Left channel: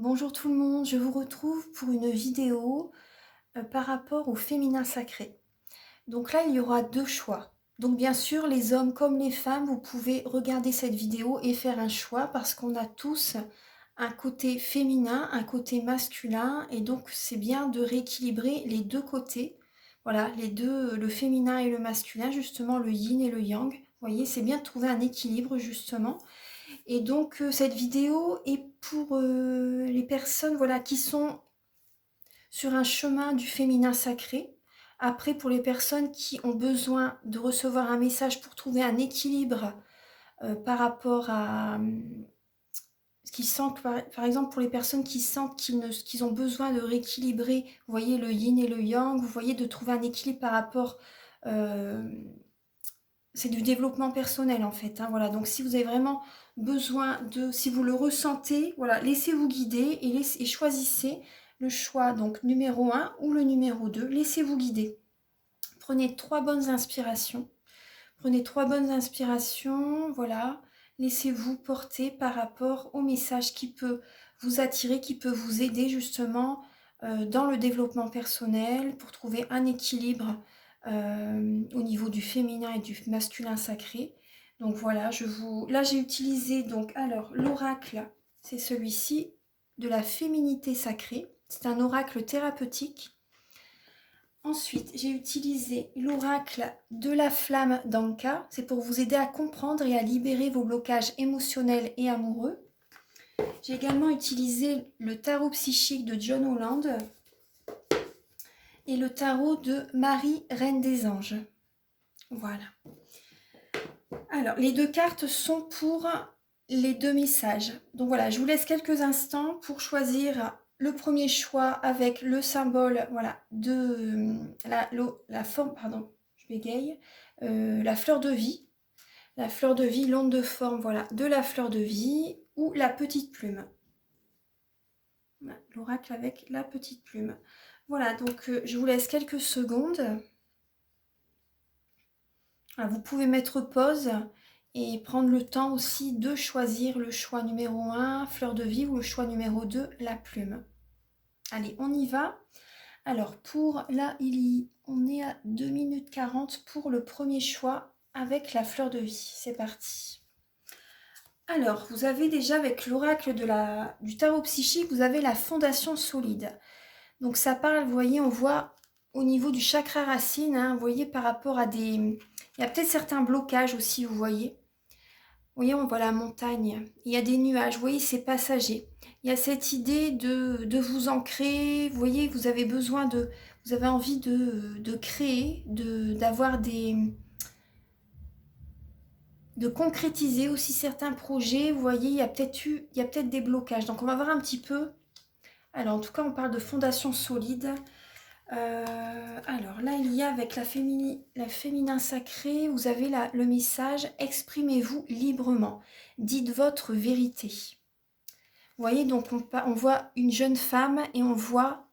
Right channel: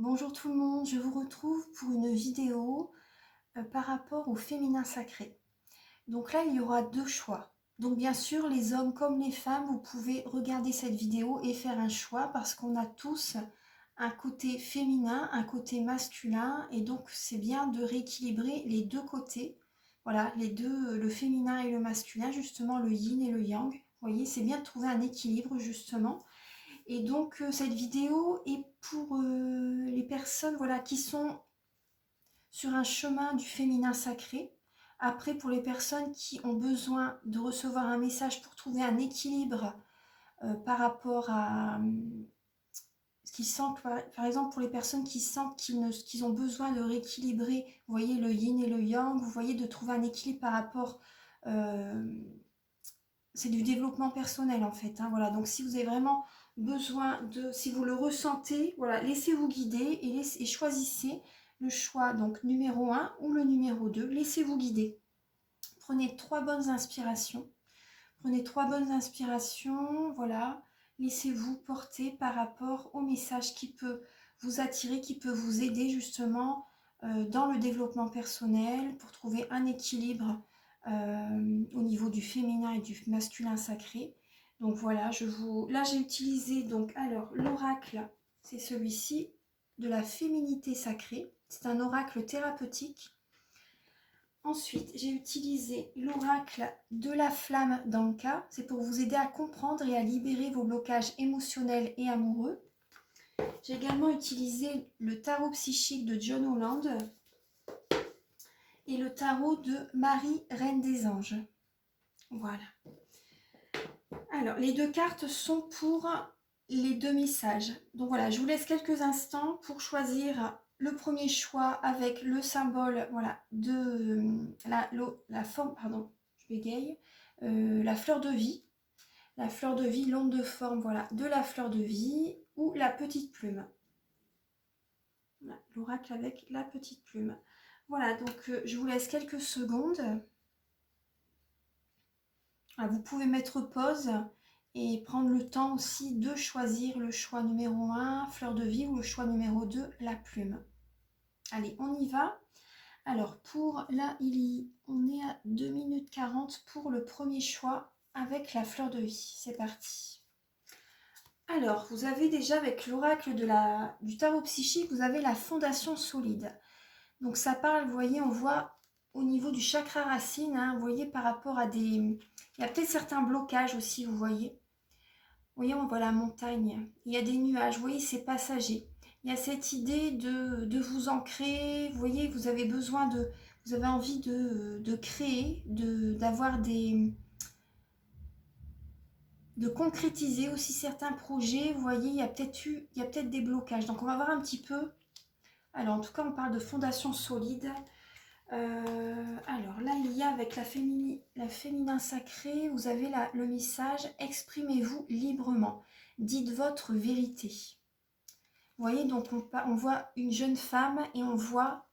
Bonjour tout le monde, je vous retrouve pour une vidéo par rapport au féminin sacré. Donc là, il y aura deux choix. Donc bien sûr, les hommes comme les femmes, vous pouvez regarder cette vidéo et faire un choix parce qu'on a tous un côté féminin, un côté masculin et donc c'est bien de rééquilibrer les deux côtés. Voilà, les deux, le féminin et le masculin, justement le yin et le yang. Vous voyez, c'est bien de trouver un équilibre justement. Et donc cette vidéo est pour les personnes voilà, qui sont sur un chemin du féminin sacré. Après, pour les personnes qui ont besoin de recevoir un message pour trouver un équilibre par rapport à ce qu'ils sentent, par exemple pour les personnes qui sentent qu'ils ont besoin de rééquilibrer, vous voyez le yin et le yang, vous voyez de trouver un équilibre par rapport... c'est du développement personnel en fait, hein, voilà. Donc si vous avez vraiment besoin de, si vous le ressentez, voilà, laissez-vous guider et choisissez le choix donc numéro 1 ou le numéro 2, laissez-vous guider. Prenez trois bonnes inspirations, voilà, laissez-vous porter par rapport au message qui peut vous attirer, qui peut vous aider justement dans le développement personnel pour trouver un équilibre au niveau du féminin et du masculin sacré. Donc voilà, là j'ai utilisé donc alors l'oracle, c'est celui-ci de la féminité sacrée. C'est un oracle thérapeutique. Ensuite, j'ai utilisé l'oracle de la flamme d'Anka. C'est pour vous aider à comprendre et à libérer vos blocages émotionnels et amoureux. J'ai également utilisé le tarot psychique de John Holland et le tarot de Marie, Reine des Anges. Voilà. Alors, les deux cartes sont pour les deux messages. Donc voilà, je vous laisse quelques instants pour choisir le premier choix avec le symbole voilà, de la forme, pardon, je bégaye, la fleur de vie. La fleur de vie, l'onde de forme voilà, de la fleur de vie ou la petite plume. Voilà, l'oracle avec la petite plume. Voilà, donc je vous laisse quelques secondes. Voilà, vous pouvez mettre pause et prendre le temps aussi de choisir le choix numéro 1, fleur de vie, ou le choix numéro 2, la plume. Allez, on y va. Alors, pour là, on est à 2 minutes 40 pour le premier choix avec la fleur de vie. C'est parti. Alors, vous avez déjà avec l'oracle du tarot psychique, vous avez la fondation solide. Donc ça parle, vous voyez, on voit au niveau du chakra racine, hein, vous voyez par rapport à des... Il y a peut-être certains blocages aussi, vous voyez. Vous voyez, on voit la montagne, il y a des nuages, vous voyez, c'est passager. Il y a cette idée de vous ancrer, vous voyez, vous avez besoin de... Vous avez envie de créer, d'avoir des... de concrétiser aussi certains projets, vous voyez, il y a peut-être des blocages. Donc on va voir un petit peu. Alors en tout cas, on parle de fondation solide. Alors là, il y a avec la féminin sacré, vous avez le message « Exprimez-vous librement, dites votre vérité ». Vous voyez, donc on voit une jeune femme et on voit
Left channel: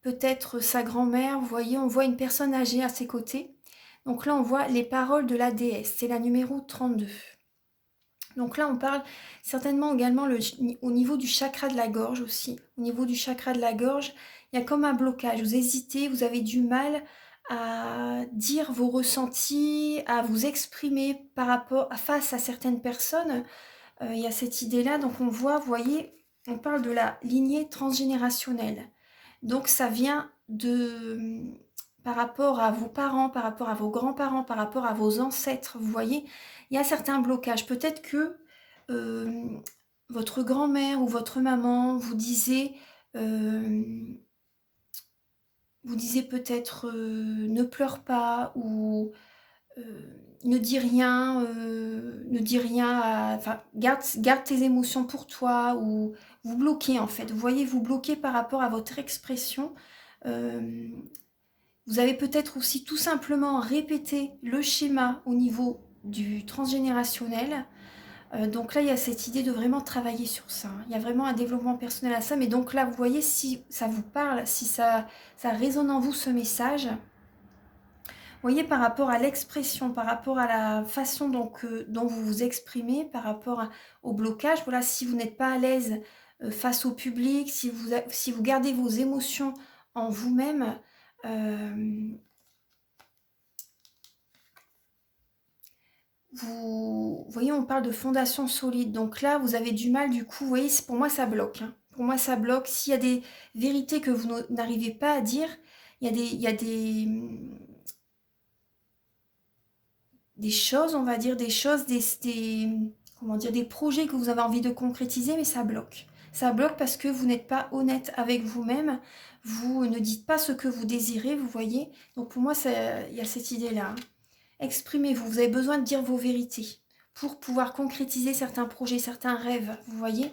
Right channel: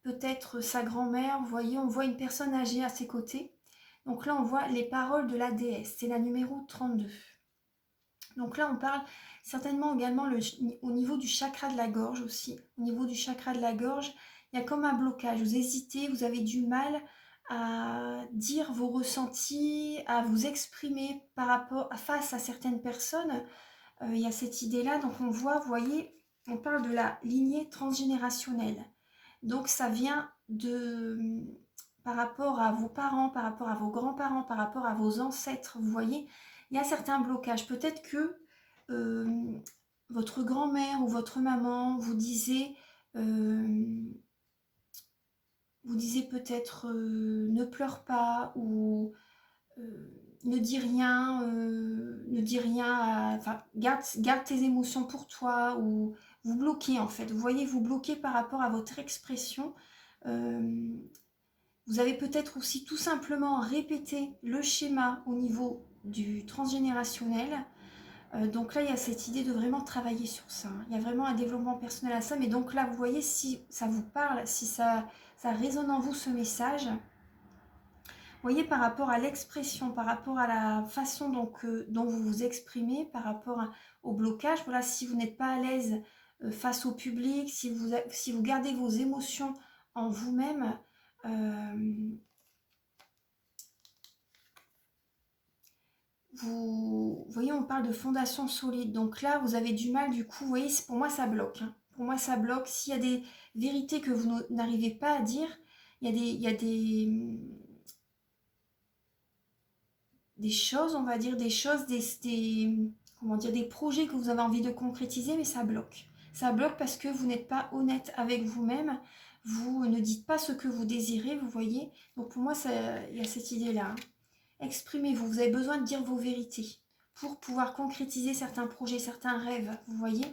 peut-être sa grand-mère, vous voyez, on voit une personne âgée à ses côtés. Donc là, on voit les paroles de la déesse, c'est la numéro 32. Donc là, on parle certainement également au niveau du chakra de la gorge aussi. Au niveau du chakra de la gorge, il y a comme un blocage. Vous hésitez, vous avez du mal à dire vos ressentis, à vous exprimer face à certaines personnes. Il y a cette idée-là. Donc on voit, vous voyez, on parle de la lignée transgénérationnelle. Donc ça vient par rapport à vos parents, par rapport à vos grands-parents, par rapport à vos ancêtres, vous voyez, il y a certains blocages. Peut-être que votre grand-mère ou votre maman vous disait peut-être ne pleure pas ou ne dis rien, enfin, garde tes émotions pour toi, ou vous bloquez en fait. Vous voyez, vous bloquez par rapport à votre expression. Vous avez peut-être aussi tout simplement répété le schéma au niveau du transgénérationnel. Donc là, il y a cette idée de vraiment travailler sur ça. Il y a vraiment un développement personnel à ça. Mais donc là, vous voyez, si ça vous parle, si ça résonne en vous ce message, voyez, par rapport à l'expression, par rapport à la façon dont vous vous exprimez, par rapport au blocage, voilà, si vous n'êtes pas à l'aise face au public, si vous gardez vos émotions en vous-même, vous voyez, on parle de fondation solide. Donc là, vous avez du mal, du coup, vous voyez, pour moi, ça bloque, hein. Pour moi, ça bloque. S'il y a des vérités que vous n'arrivez pas à dire, il y a des choses, on va dire, comment dire, des projets que vous avez envie de concrétiser, mais ça bloque. Ça bloque parce que vous n'êtes pas honnête avec vous-même, vous ne dites pas ce que vous désirez, vous voyez. Donc pour moi, il y a cette idée-là, hein. Exprimez-vous, vous avez besoin de dire vos vérités pour pouvoir concrétiser certains projets, certains rêves, vous voyez.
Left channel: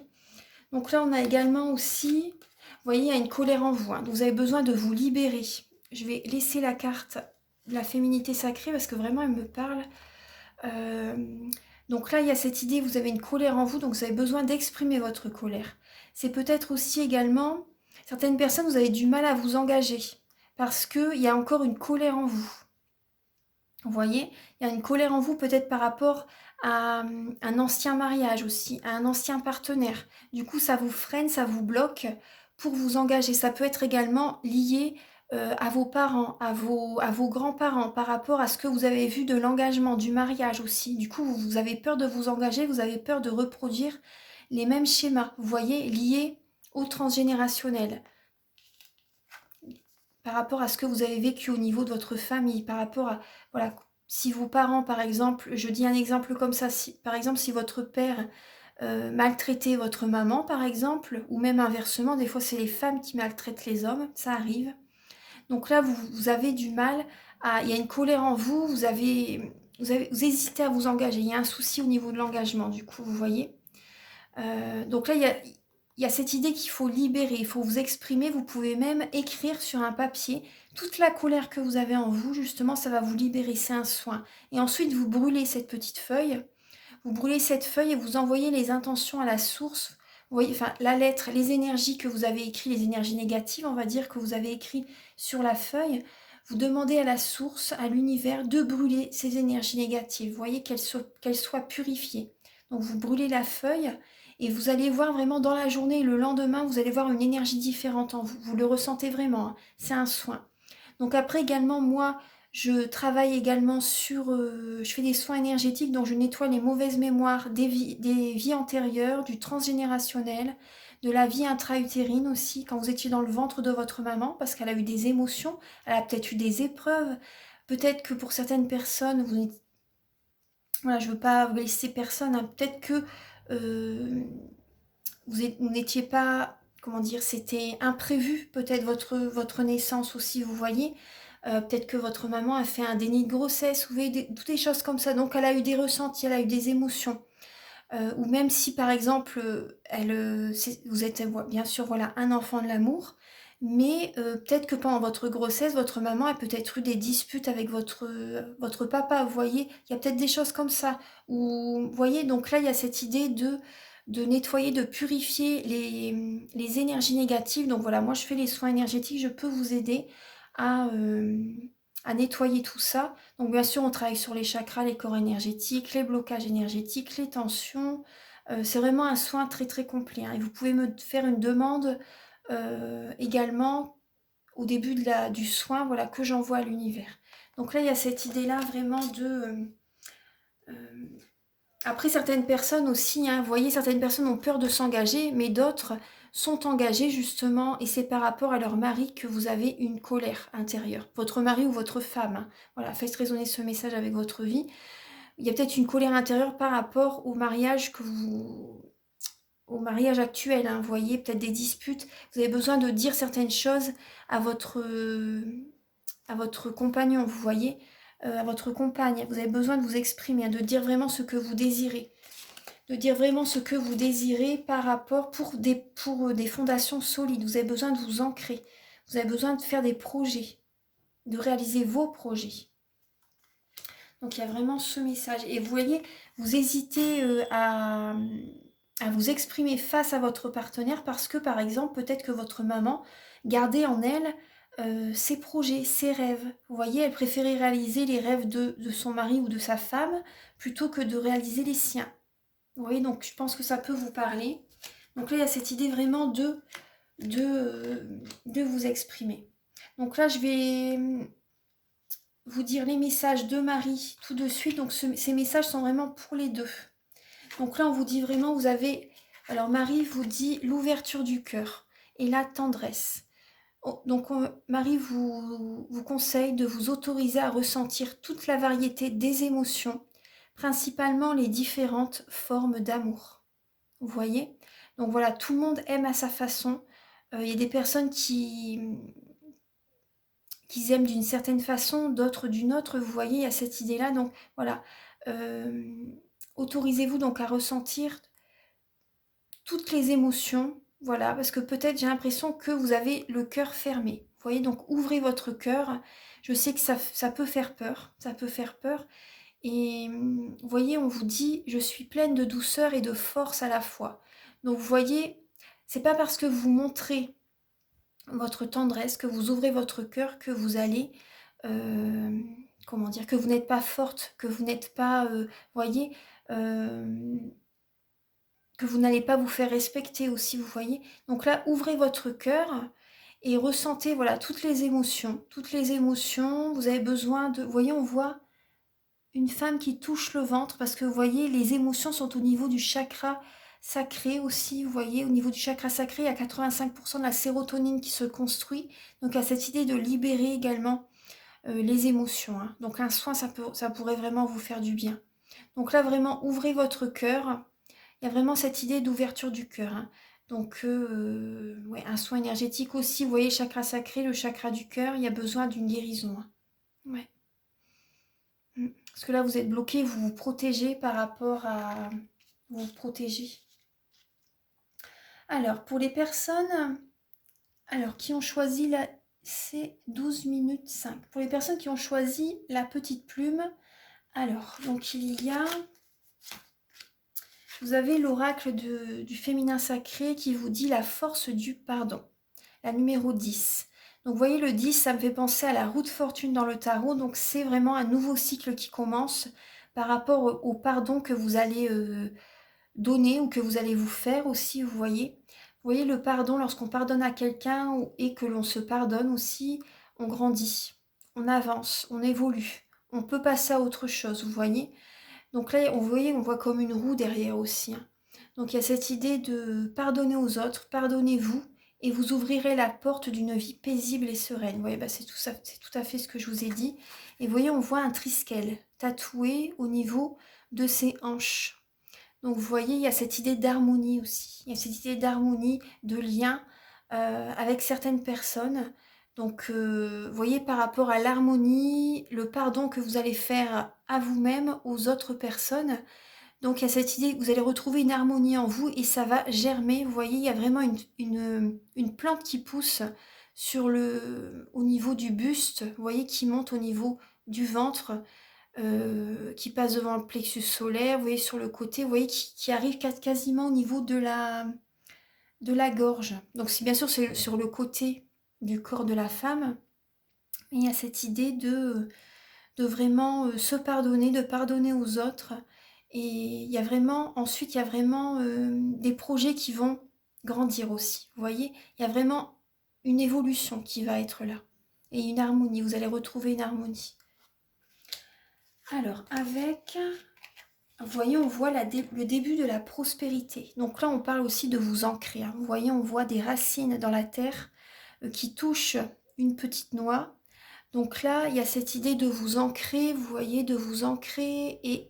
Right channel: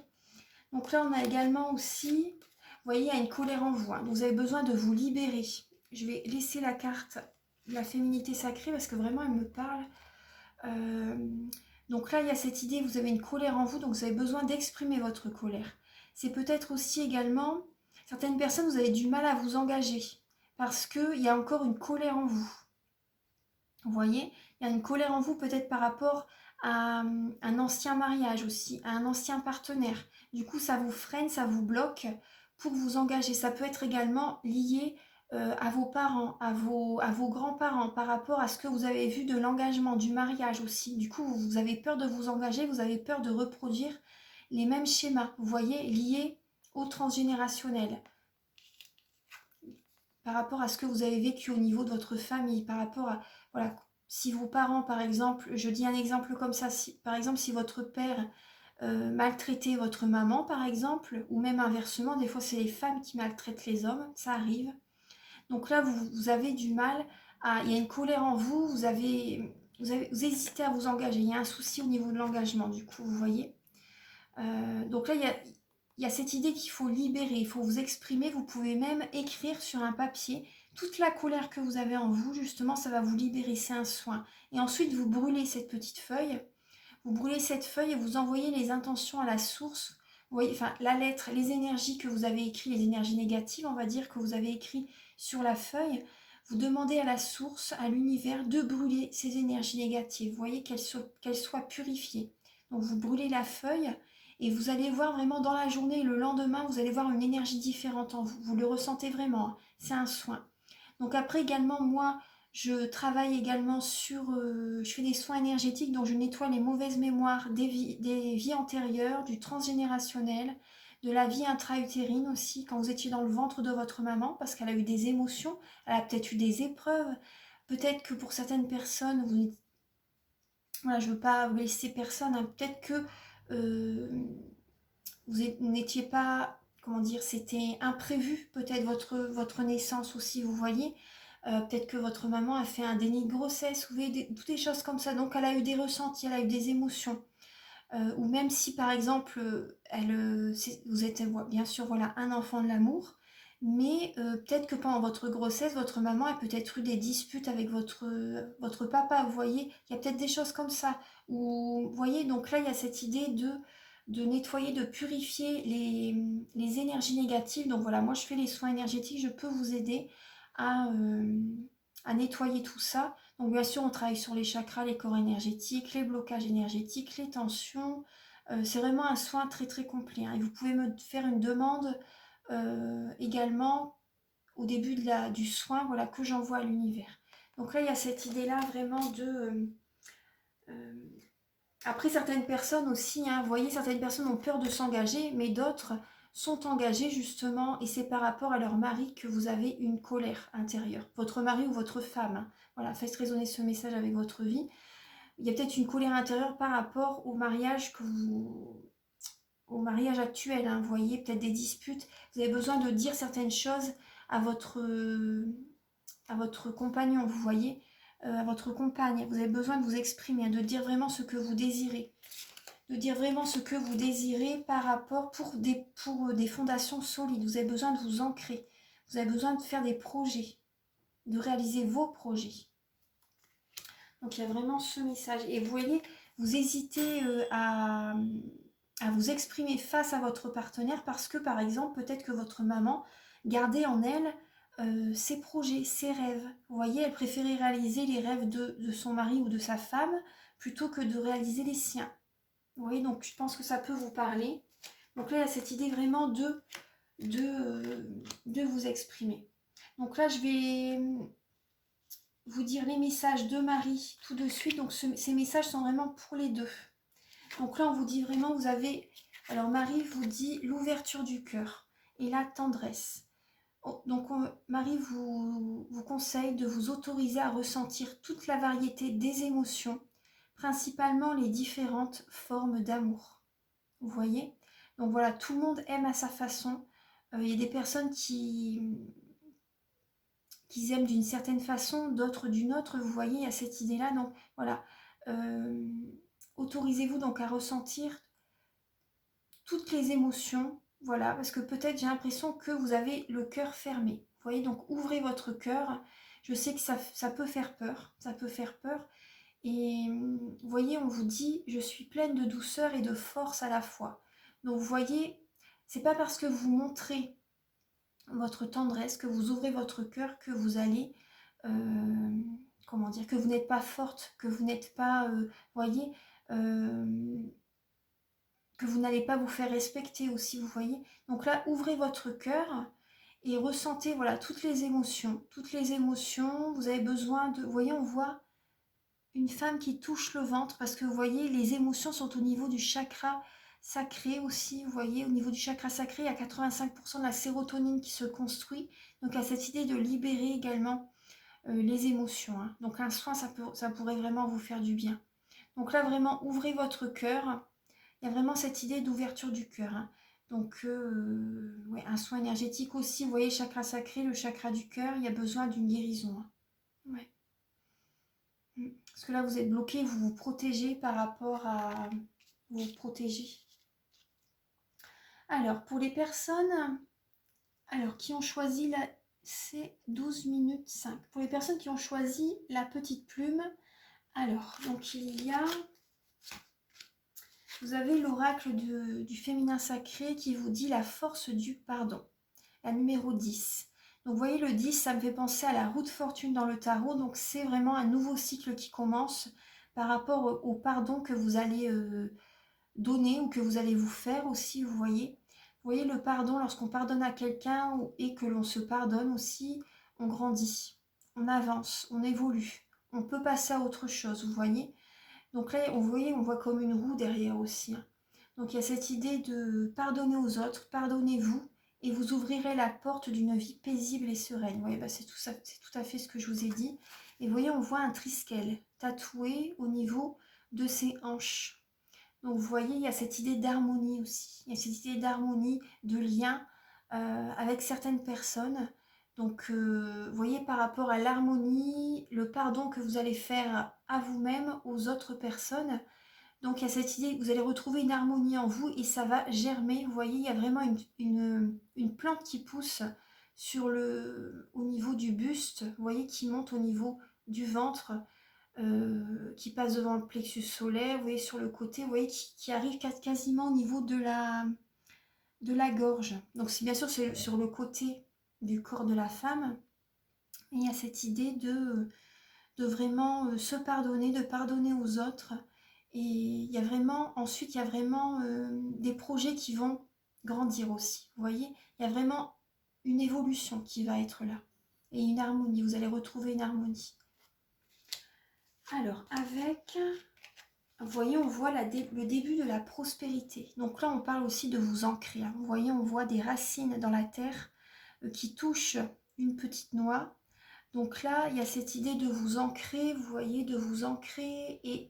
Donc là, on a également aussi, vous voyez, il y a une colère en vous, hein. Vous avez besoin de vous libérer. Je vais laisser la carte de la féminité sacrée parce que vraiment, elle me parle. Euh, donc là, il y a cette idée, vous avez une colère en vous, donc vous avez besoin d'exprimer votre colère. C'est peut-être aussi également, certaines personnes, vous avez du mal à vous engager parce qu'il y a encore une colère en vous. Vous voyez, il y a une colère en vous peut-être par rapport à un ancien mariage aussi, à un ancien partenaire. Du coup, ça vous freine, ça vous bloque pour vous engager. Ça peut être également lié à vos parents, à vos grands-parents, par rapport à ce que vous avez vu de l'engagement, du mariage aussi. Du coup, vous avez peur de vous engager, vous avez peur de reproduire les mêmes schémas, vous voyez, liés au transgénérationnel. Par rapport à ce que vous avez vécu au niveau de votre famille, par rapport à, voilà, si vos parents, par exemple, je dis un exemple comme ça, par exemple, si votre père maltraitait votre maman, par exemple, ou même inversement, des fois c'est les femmes qui maltraitent les hommes, ça arrive. Donc là, vous avez du mal, il y a une colère en vous, vous hésitez à vous engager, il y a un souci au niveau de l'engagement, du coup, vous voyez. Donc là, il y a cette idée qu'il faut libérer, il faut vous exprimer, vous pouvez même écrire sur un papier toute la colère que vous avez en vous, justement, ça va vous libérer, c'est un soin. Et ensuite, vous brûlez cette petite feuille, vous brûlez cette feuille et vous envoyez les intentions à la source, vous voyez, enfin, la lettre, les énergies que vous avez écrites, les énergies négatives, on va dire, que vous avez écrites sur la feuille, vous demandez à la source, à l'univers, de brûler ces énergies négatives, vous voyez, qu'elles soient purifiées. Donc, vous brûlez la feuille, et vous allez voir vraiment dans la journée, le lendemain, vous allez voir une énergie différente en vous. Vous le ressentez vraiment, hein. C'est un soin. Donc après également, moi, je travaille également sur... je fais des soins énergétiques, donc je nettoie les mauvaises mémoires des vies antérieures, du transgénérationnel, de la vie intra-utérine aussi, quand vous étiez dans le ventre de votre maman, parce qu'elle a eu des émotions, elle a peut-être eu des épreuves. Peut-être que pour certaines personnes, voilà, je ne veux pas blesser personne, hein. Peut-être que vous n'étiez pas, comment dire, c'était imprévu, peut-être votre naissance aussi, vous voyez. Peut-être que votre maman a fait un déni de grossesse, vous voyez, toutes des choses comme ça. Donc elle a eu des ressentis, elle a eu des émotions. Ou même si par exemple, vous êtes bien sûr voilà, un enfant de l'amour, mais peut-être que pendant votre grossesse, votre maman a peut-être eu des disputes avec votre papa, vous voyez, il y a peut-être des choses comme ça. Ou, vous voyez, donc là, il y a cette idée de nettoyer, de purifier les énergies négatives. Donc voilà, moi je fais les soins énergétiques, je peux vous aider à, euh, à nettoyer tout ça. Donc bien sûr, on travaille sur les chakras, les corps énergétiques, les blocages énergétiques, les tensions. C'est vraiment un soin très très complet, hein. Et vous pouvez me faire une demande également au début du soin, voilà, que j'envoie à l'univers. Donc là, il y a cette idée-là vraiment de... après, certaines personnes aussi, hein, vous voyez, certaines personnes ont peur de s'engager, mais d'autres sont engagées justement, et c'est par rapport à leur mari que vous avez une colère intérieure. Votre mari ou votre femme, hein. Voilà, faites résonner ce message avec votre vie. Il y a peut-être une colère intérieure par rapport au mariage actuel, hein, vous voyez, peut-être des disputes. Vous avez besoin de dire certaines choses à votre compagnon, vous voyez, à votre compagne. Vous avez besoin de vous exprimer, de dire vraiment ce que vous désirez. De dire vraiment ce que vous désirez par rapport pour des fondations solides. Vous avez besoin de vous ancrer. Vous avez besoin de faire des projets, de réaliser vos projets. Donc il y a vraiment ce message. Et vous voyez, vous hésitez à vous exprimer face à votre partenaire parce que, par exemple, peut-être que votre maman gardait en elle ses projets, ses rêves. Vous voyez, elle préférait réaliser les rêves de son mari ou de sa femme plutôt que de réaliser les siens. Vous voyez, donc je pense que ça peut vous parler. Donc là, il y a cette idée vraiment de vous exprimer. Donc là, je vais vous dire les messages de Marie tout de suite. Donc ces messages sont vraiment pour les deux. Donc là, on vous dit vraiment, vous avez... Alors Marie vous dit l'ouverture du cœur et la tendresse. Donc Marie vous conseille de vous autoriser à ressentir toute la variété des émotions, principalement les différentes formes d'amour. Vous voyez? Donc voilà, tout le monde aime à sa façon. Il y a des personnes qui aiment d'une certaine façon, d'autres d'une autre. Vous voyez, il y a cette idée-là. Donc voilà, autorisez-vous donc à ressentir toutes les émotions. Voilà, parce que peut-être j'ai l'impression que vous avez le cœur fermé. Vous voyez, donc ouvrez votre cœur. Je sais que ça peut faire peur. Ça peut faire peur. Et vous voyez, on vous dit, je suis pleine de douceur et de force à la fois. Donc vous voyez, c'est pas parce que vous montrez votre tendresse, que vous ouvrez votre cœur, que vous allez, comment dire, que vous n'êtes pas forte, que vous n'êtes pas, voyez, que vous n'allez pas vous faire respecter aussi, vous voyez. Donc là, ouvrez votre cœur et ressentez, voilà, toutes les émotions. Toutes les émotions, vous avez besoin de... Vous voyez, on voit une femme qui touche le ventre parce que, vous voyez, les émotions sont au niveau du chakra sacré aussi. Vous voyez, au niveau du chakra sacré, il y a 85% de la sérotonine qui se construit. Donc, il y a cette idée de libérer également les émotions. Hein. Donc, un soin, ça pourrait vraiment vous faire du bien. Donc là, vraiment, ouvrez votre cœur. Il y a vraiment cette idée d'ouverture du cœur. Hein. Donc, ouais, un soin énergétique aussi. Vous voyez, chakra sacré, le chakra du cœur, il y a besoin d'une guérison. Hein. Ouais. Parce que là, vous êtes bloqué, vous vous protégez par rapport à... Vous vous protégez. Alors, pour les personnes qui ont choisi la... C'est 12 minutes 5. Pour les personnes qui ont choisi la petite plume, alors, donc il y a... Vous avez l'oracle du féminin sacré qui vous dit la force du pardon. La numéro 10. Donc vous voyez le 10, ça me fait penser à la roue de fortune dans le tarot. Donc c'est vraiment un nouveau cycle qui commence par rapport au pardon que vous allez donner ou que vous allez vous faire aussi, vous voyez. Vous voyez le pardon, lorsqu'on pardonne à quelqu'un et que l'on se pardonne aussi, on grandit, on avance, on évolue. On peut passer à autre chose, vous voyez. Donc là, vous voyez, on voit comme une roue derrière aussi. Hein. Donc il y a cette idée de pardonner aux autres, pardonnez-vous, et vous ouvrirez la porte d'une vie paisible et sereine. Vous voyez, bah, c'est tout à fait ce que je vous ai dit. Et vous voyez, on voit un triskel tatoué au niveau de ses hanches. Donc vous voyez, il y a cette idée d'harmonie aussi. Il y a cette idée d'harmonie, de lien avec certaines personnes. Donc vous voyez, par rapport à l'harmonie, le pardon que vous allez faire à vous-même, aux autres personnes. Donc il y a cette idée que vous allez retrouver une harmonie en vous et ça va germer. Vous voyez, il y a vraiment une plante qui pousse au niveau du buste, vous voyez, qui monte au niveau du ventre. Qui passe devant le plexus solaire, vous voyez sur le côté, vous voyez qui arrive quasiment au niveau de la gorge. Donc c'est bien sûr sur le côté du corps de la femme. Et il y a cette idée de vraiment se pardonner, de pardonner aux autres. Et il y a vraiment, ensuite, il y a vraiment des projets qui vont grandir aussi. Vous voyez, il y a vraiment une évolution qui va être là. Et une harmonie, vous allez retrouver une harmonie. Alors, vous voyez, on voit le début de la prospérité. Donc là, on parle aussi de vous ancrer. Hein. Vous voyez, on voit des racines dans la terre qui touchent une petite noix. Donc là, il y a cette idée de vous ancrer, vous voyez, de vous ancrer et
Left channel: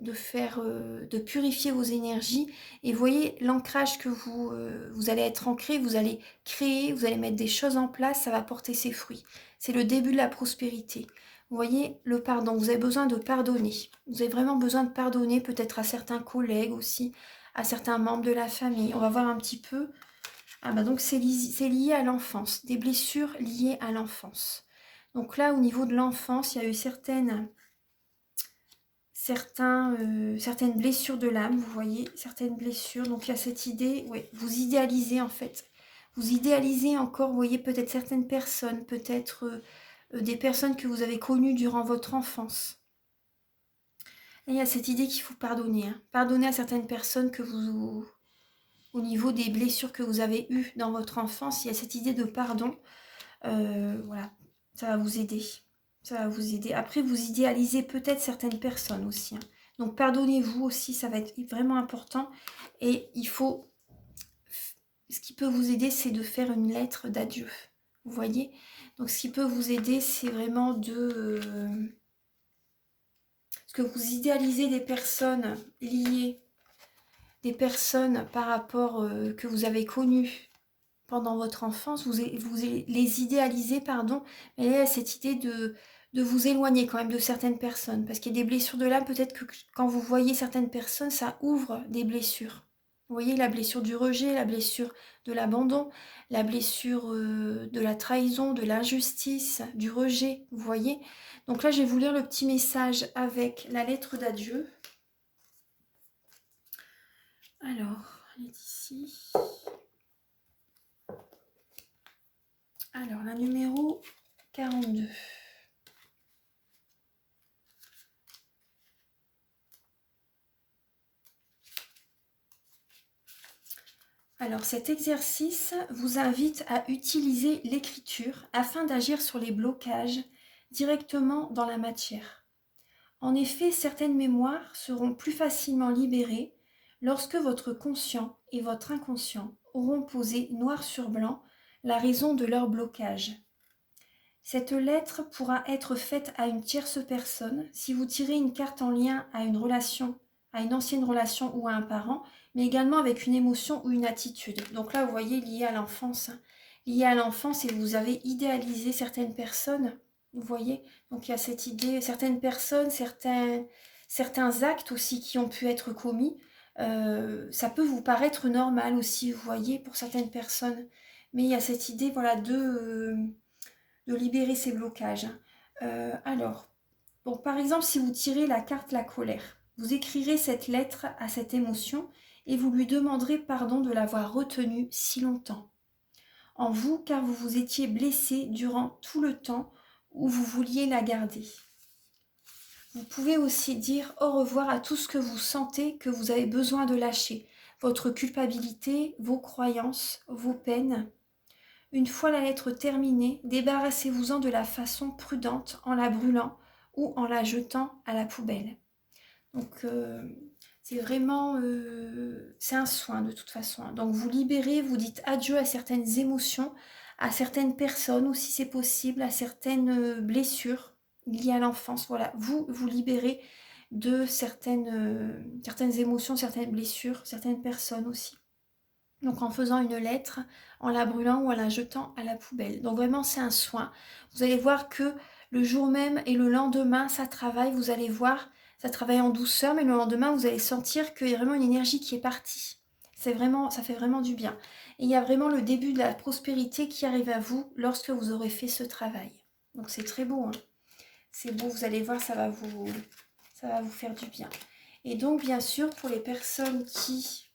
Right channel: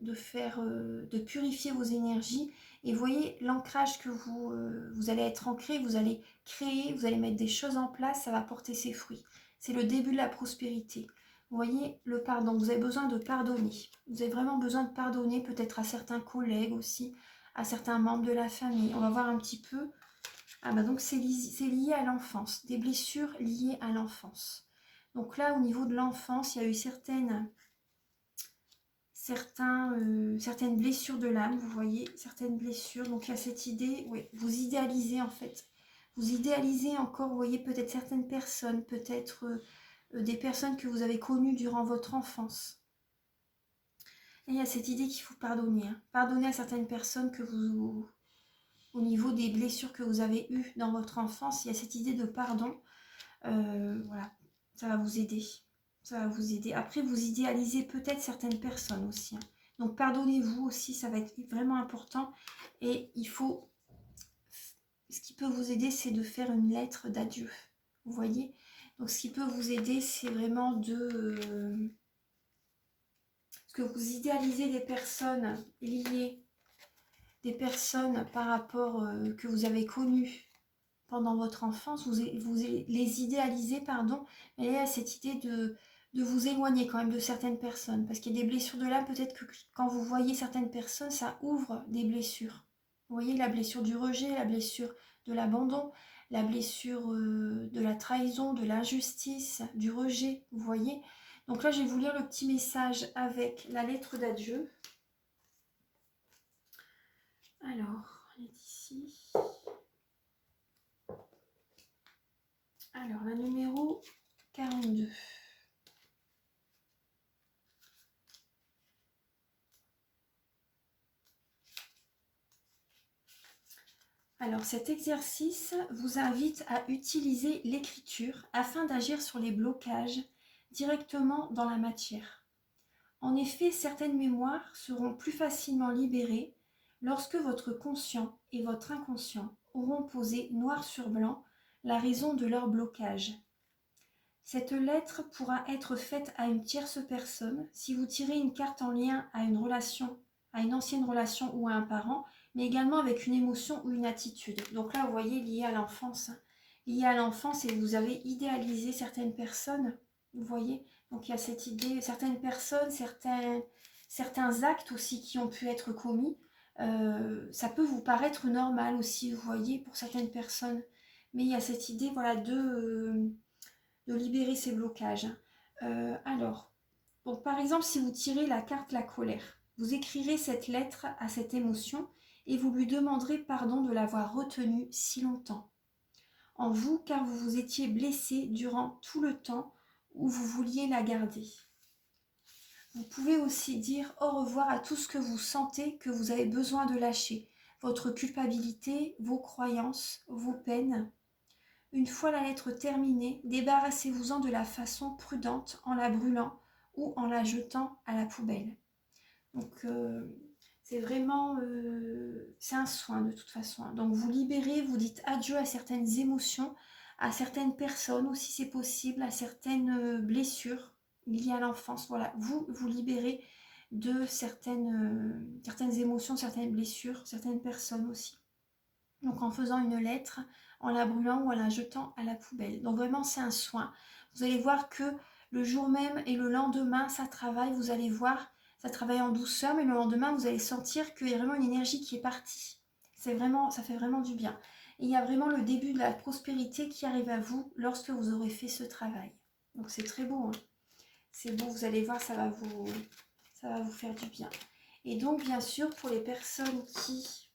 de purifier vos énergies. Et vous voyez, l'ancrage que vous allez être ancré, vous allez créer, vous allez mettre des choses en place, ça va porter ses fruits. C'est le début de la prospérité. Vous voyez, le pardon, vous avez besoin de pardonner. Vous avez vraiment besoin de pardonner, peut-être à certains collègues aussi, à certains membres de la famille. On va voir un petit peu. Ah bah donc c'est lié à l'enfance, des blessures liées à l'enfance. Donc là, au niveau de l'enfance, il y a eu certaines blessures de l'âme, vous voyez, certaines blessures. Donc il y a cette idée, ouais, vous idéalisez en fait. Vous idéalisez encore, vous voyez, peut-être certaines personnes, peut-être des personnes que vous avez connues durant votre enfance. Et il y a cette idée qu'il faut pardonner. Hein. Pardonner à certaines personnes que vous, au niveau des blessures que vous avez eues dans votre enfance, il y a cette idée de pardon. Voilà, ça va vous aider. Ça va vous aider. Après, vous idéalisez peut-être certaines personnes aussi. Hein. Donc, pardonnez-vous aussi, ça va être vraiment important. Et il faut... Ce qui peut vous aider, c'est de faire une lettre d'adieu. Vous voyez? Donc, ce qui peut vous aider, c'est vraiment de... parce que vous idéalisez des personnes liées, des personnes par rapport que vous avez connues pendant votre enfance, vous les idéalisez, pardon, mais là, il y a cette idée de vous éloigner quand même de certaines personnes, parce qu'il y a des blessures de l'âme, peut-être que quand vous voyez certaines personnes, ça ouvre des blessures. Vous voyez, la blessure du rejet, la blessure de l'abandon, la blessure de la trahison, de l'injustice, du rejet, vous voyez. Donc là, je vais vous lire le petit message avec la lettre d'adieu. Alors, elle est ici. Alors, la numéro 42. Alors, cet exercice vous invite à utiliser l'écriture afin d'agir sur les blocages directement dans la matière. En effet, certaines mémoires seront plus facilement libérées lorsque votre conscient et votre inconscient auront posé noir sur blanc la raison de leur blocage. Cette lettre pourra être faite à une tierce personne si vous tirez une carte en lien à une relation, à une ancienne relation ou à un parent, mais également avec une émotion ou une attitude. Donc là, vous voyez, lié à l'enfance. Lié à l'enfance et vous avez idéalisé certaines personnes, vous voyez. Donc il y a cette idée, certaines personnes, certains actes aussi qui ont pu être commis. Ça peut vous paraître normal aussi, vous voyez, pour certaines personnes. Mais il y a cette idée, voilà, de libérer ces blocages. Alors, bon, par exemple, si vous tirez la carte la colère, vous écrirez cette lettre à cette émotion et vous lui demanderez pardon de l'avoir retenue si longtemps en vous, car vous vous étiez blessé durant tout le temps où vous vouliez la garder. Vous pouvez aussi dire au revoir à tout ce que vous sentez que vous avez besoin de lâcher, votre culpabilité, vos croyances, vos peines. Une fois la lettre terminée, débarrassez-vous-en de la façon prudente en la brûlant ou en la jetant à la poubelle. Donc c'est vraiment, c'est un soin de toute façon. Donc vous libérez, vous dites adieu à certaines émotions, à certaines personnes aussi c'est possible, à certaines blessures liées à l'enfance. Voilà, vous libérez de certaines émotions, certaines blessures, certaines personnes aussi. Donc en faisant une lettre, en la brûlant ou en la jetant à la poubelle. Donc vraiment c'est un soin. Vous allez voir que le jour même et le lendemain, ça travaille, vous allez voir, ça travaille en douceur, mais le lendemain, vous allez sentir qu'il y a vraiment une énergie qui est partie. C'est vraiment, ça fait vraiment du bien. Et il y a vraiment le début de la prospérité qui arrive à vous lorsque vous aurez fait ce travail. Donc c'est très beau, hein. C'est beau, vous allez voir, ça va vous faire du bien. Et donc bien sûr, pour les personnes qui...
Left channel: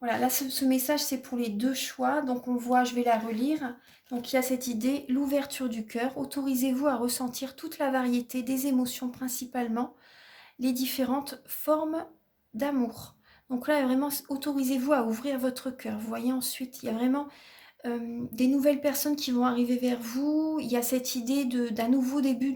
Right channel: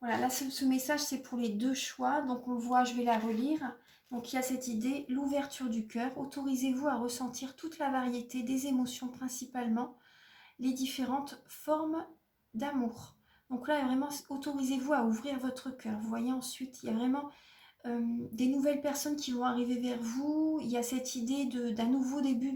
Voilà, là, ce message, c'est pour les deux choix. Donc, on voit, je vais la relire. Donc, il y a cette idée, l'ouverture du cœur. Autorisez-vous à ressentir toute la variété des émotions, principalement les différentes formes d'amour. Donc là, vraiment, autorisez-vous à ouvrir votre cœur. Vous voyez, ensuite, il y a vraiment des nouvelles personnes qui vont arriver vers vous. Il y a cette idée d'un nouveau début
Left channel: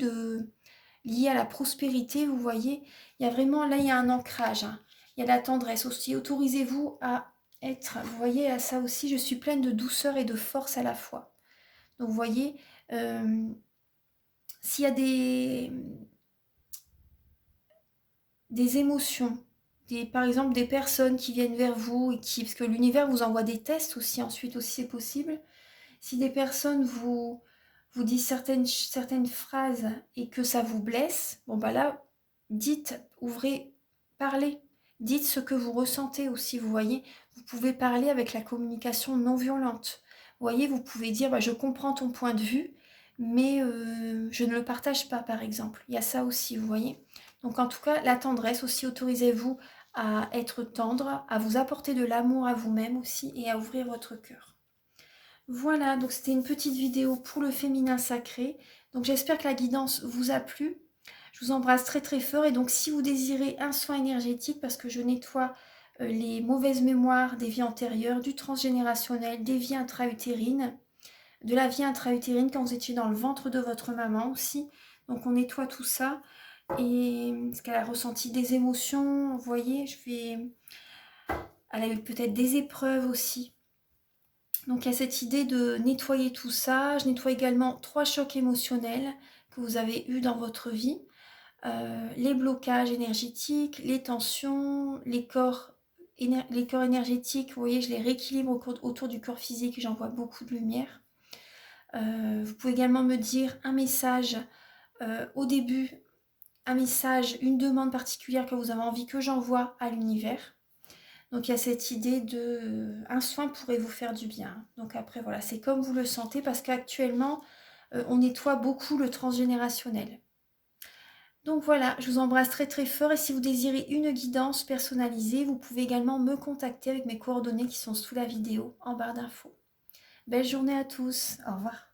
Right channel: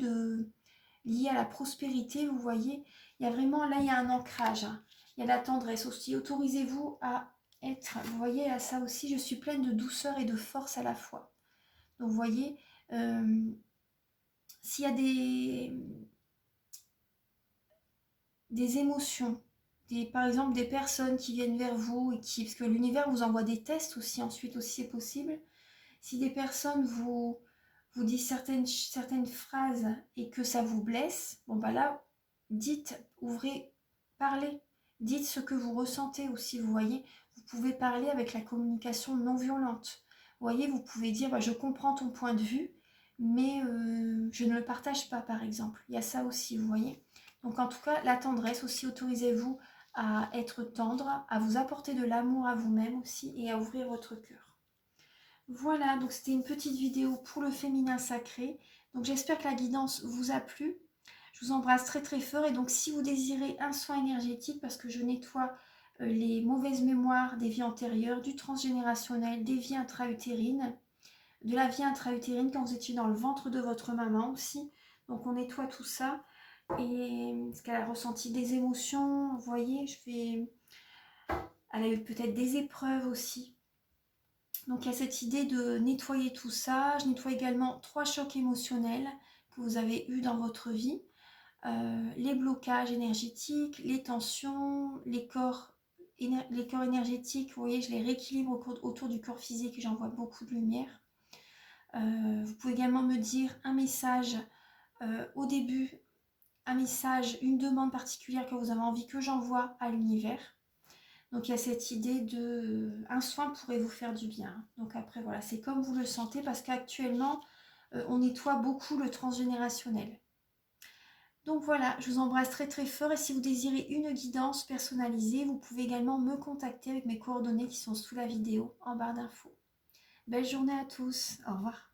lié à la prospérité, vous voyez. Il y a vraiment, là, il y a un ancrage. Hein. Il y a de la tendresse aussi. Autorisez-vous à être, vous voyez, à ça aussi, je suis pleine de douceur et de force à la fois. Donc, vous voyez, s'il y a des émotions, par exemple des personnes qui viennent vers vous, et parce que l'univers vous envoie des tests aussi, ensuite aussi c'est possible. Si des personnes vous disent certaines phrases et que ça vous blesse, bon bah là, dites, ouvrez, parlez, dites ce que vous ressentez aussi, vous voyez. Vous pouvez parler avec la communication non violente. Vous voyez, vous pouvez dire, bah, je comprends ton point de vue, mais je ne le partage pas, par exemple. Il y a ça aussi, vous voyez. Donc en tout cas, la tendresse aussi, autorisez-vous à être tendre, à vous apporter de l'amour à vous-même aussi et à ouvrir votre cœur. Voilà, donc c'était une petite vidéo pour le féminin sacré. Donc j'espère que la guidance vous a plu. Je vous embrasse très très fort et donc si vous désirez un soin énergétique, parce que je nettoie les mauvaises mémoires des vies antérieures, du transgénérationnel, des vies intra-utérines, de la vie intra-utérine quand vous étiez dans le ventre de votre maman aussi. Donc on nettoie tout ça et parce qu'elle a ressenti des émotions, vous voyez, elle a eu peut-être des épreuves aussi. Donc il y a cette idée de nettoyer tout ça. Je nettoie également 3 chocs émotionnels que vous avez eus dans votre vie. Les blocages énergétiques, les tensions, les corps énergétiques, vous voyez, je les rééquilibre autour du corps physique, j'envoie beaucoup de lumière. Vous pouvez également me dire un message au début, un message, une demande particulière que vous avez envie que j'envoie à l'univers. Donc il y a cette idée de un soin pourrait vous faire du bien. Donc après voilà, c'est comme vous le sentez parce qu'actuellement on nettoie beaucoup le transgénérationnel. Donc voilà, je vous embrasse très très fort et si vous désirez une guidance personnalisée, vous pouvez également me contacter avec mes coordonnées qui sont sous la vidéo en barre d'infos. Belle journée à tous, au revoir.